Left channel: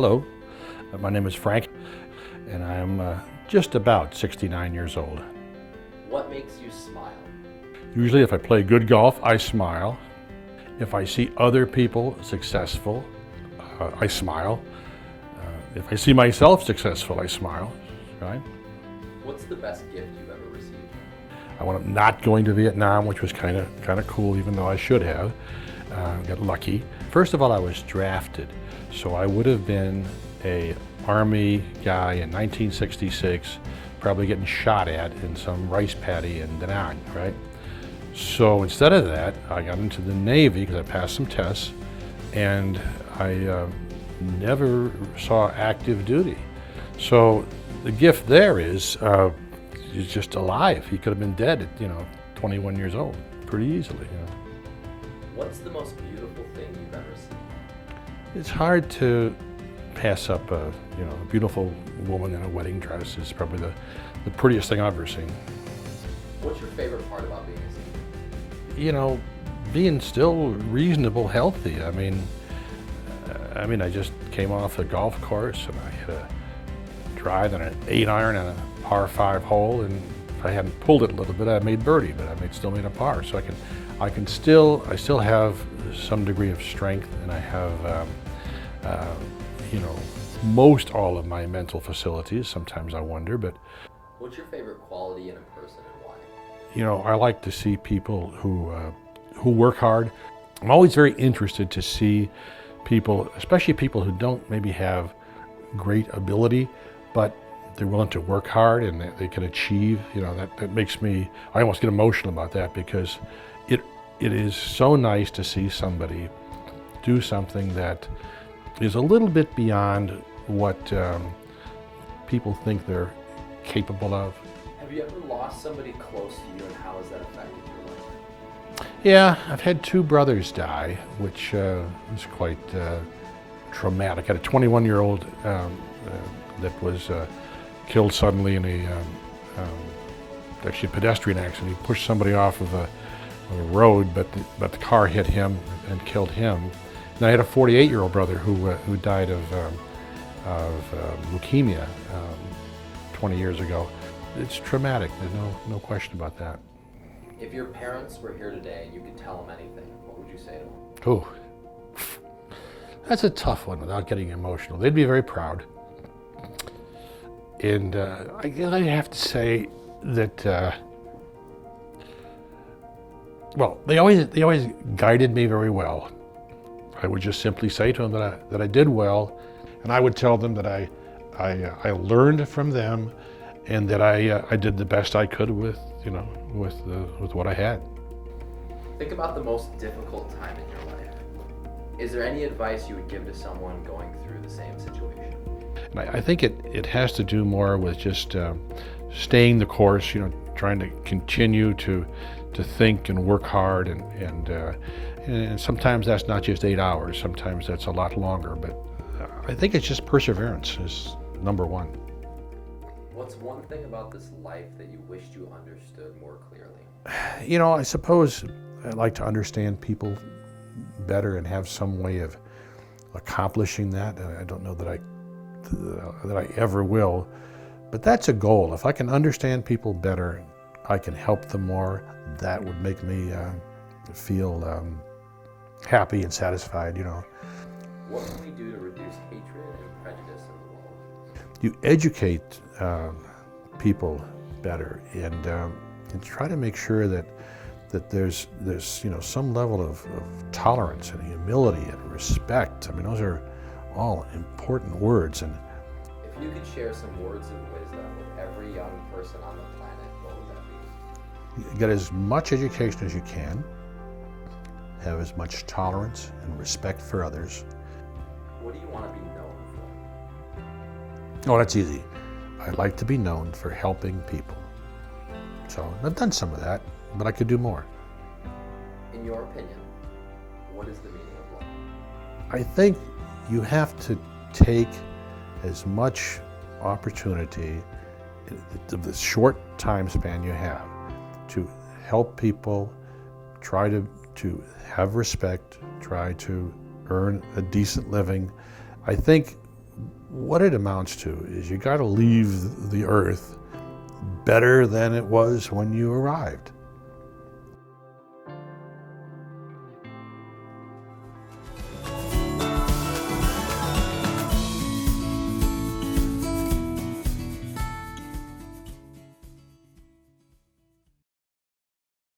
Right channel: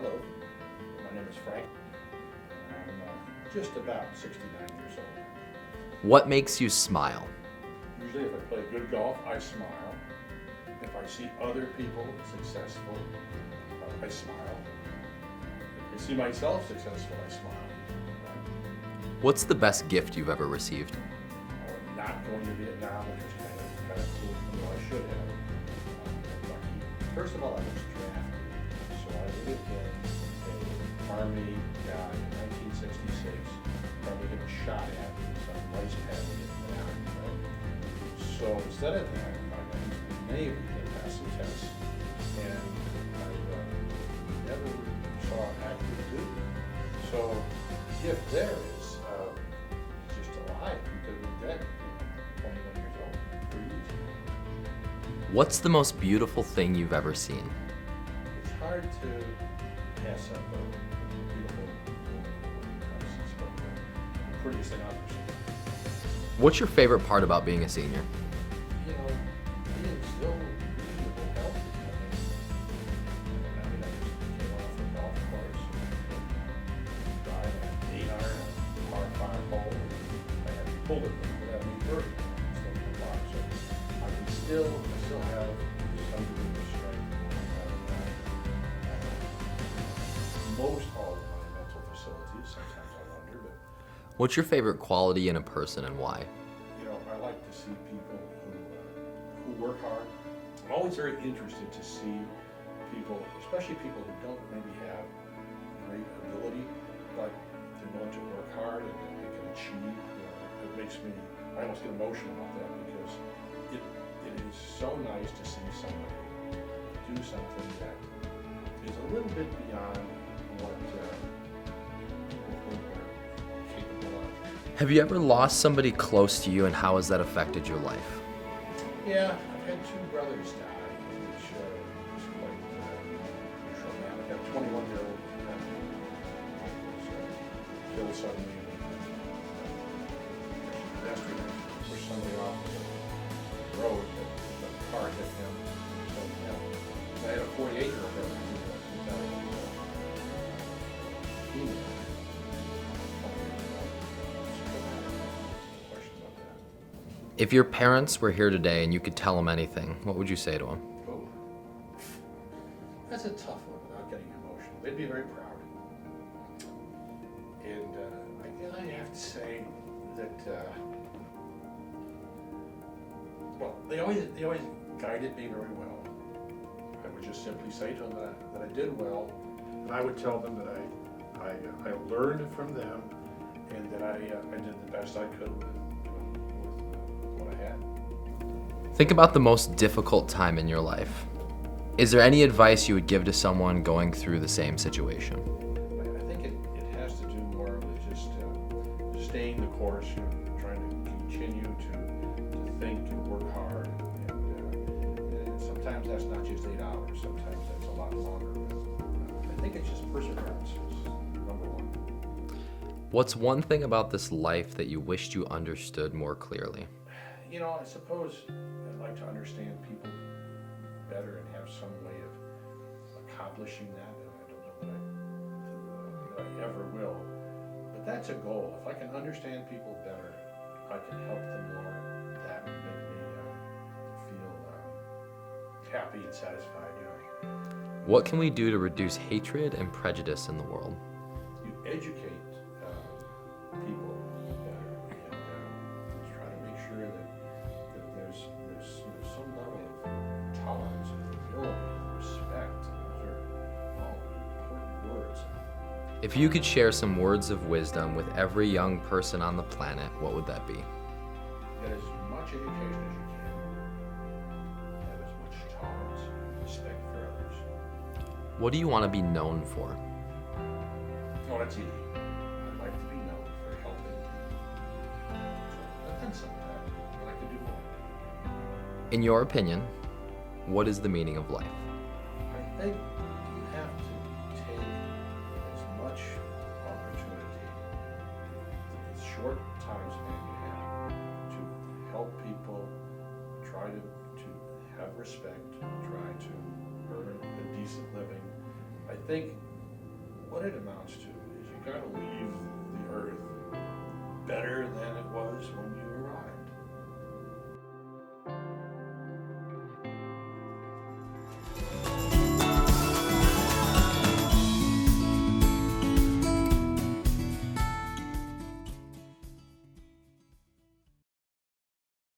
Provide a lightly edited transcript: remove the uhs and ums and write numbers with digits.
Hello, my name is Frank, and I'm just about 69 years old. What makes you smile? Usually if I play good golf, I smile. If I see other people successful, I smile. If I see myself successful, I smile, right? What's the best gift you've ever received? I wound up not going to Vietnam, which was kind of cool, even though I should have. Got lucky. First of all, I was drafted, so I would have been a Army guy in 1966, probably getting shot at in some rice paddy in Da Nang, right? So instead of that, I got into the Navy because I passed some tests, and I never saw active duty. So the gift there is he's just alive. He could have been dead at 21 years old, pretty easily. What's the most beautiful thing you've ever seen? It's hard to pass up a beautiful woman in a wedding dress. It's probably the prettiest thing I've ever seen. What's your favorite part about being a senior? Being still reasonable, healthy. I mean, I just came off a golf course and I hit a drive and an 8-iron and a par 5 hole, and if I hadn't pulled it a little bit, I made birdie, but I still made a par. So I still have some degree of strength, and I have most all of my mental facilities. Sometimes I wonder, but What's your favorite quality in a person and why? I like to see people who work hard. I'm always very interested to see people, especially people who don't maybe have great ability, but they're willing to work hard and they can achieve. That makes me, I almost get emotional about that, because it is so nice to see somebody do something that is a little bit beyond what people think they're capable of. Have you ever lost somebody close to you, and how has that affected your life? Yeah, I've had 2 brothers die, which is quite traumatic. I had a 21-year-old that was killed suddenly in actually a pedestrian accident. He pushed somebody off of the road, but the car hit him and killed him. And I had a 48-year-old brother who died of leukemia 20 years ago. It's traumatic. There's no question about that. If your parents were here today and you could tell them anything, what would you say to them? Oh, that's a tough one without getting emotional. They'd be very proud. And I have to say that, they always guided me very well. I would just simply say to them that I did well, and I would tell them that I learned from them, and that I did the best I could with what I had. Think about the most difficult time in your life. Is there any advice you would give to someone going through the same situation? And I think it has to do more with just staying the course, trying to continue to think and work hard, and sometimes that's not just 8 hours, sometimes that's a lot longer, but I think it's just perseverance is number one. What's one thing about this life that you wished you understood more clearly? I suppose I'd like to understand people better and have some way of accomplishing that. I don't know that I ever will, but that's a goal. If I can understand people better, I can help them more. That would make me feel happy and satisfied. What can we do to reduce hatred and prejudice in the world? You educate people better, and try to make sure that there's some level of tolerance and humility and respect. Those are all important words. And if you could share some words of wisdom with every young person on the planet, what would that be? Get as much education as you can, have as much tolerance and respect for others. What do you want to be known for? Oh, that's easy. I'd like to be known for helping people. So I've done some of that, but I could do more. In your opinion, what is the meaning of life? I think you have to take as much opportunity in the short time span you have to help people, try to have respect, try to earn a decent living. I think what it amounts to is you got to leave the earth better than it was when you arrived.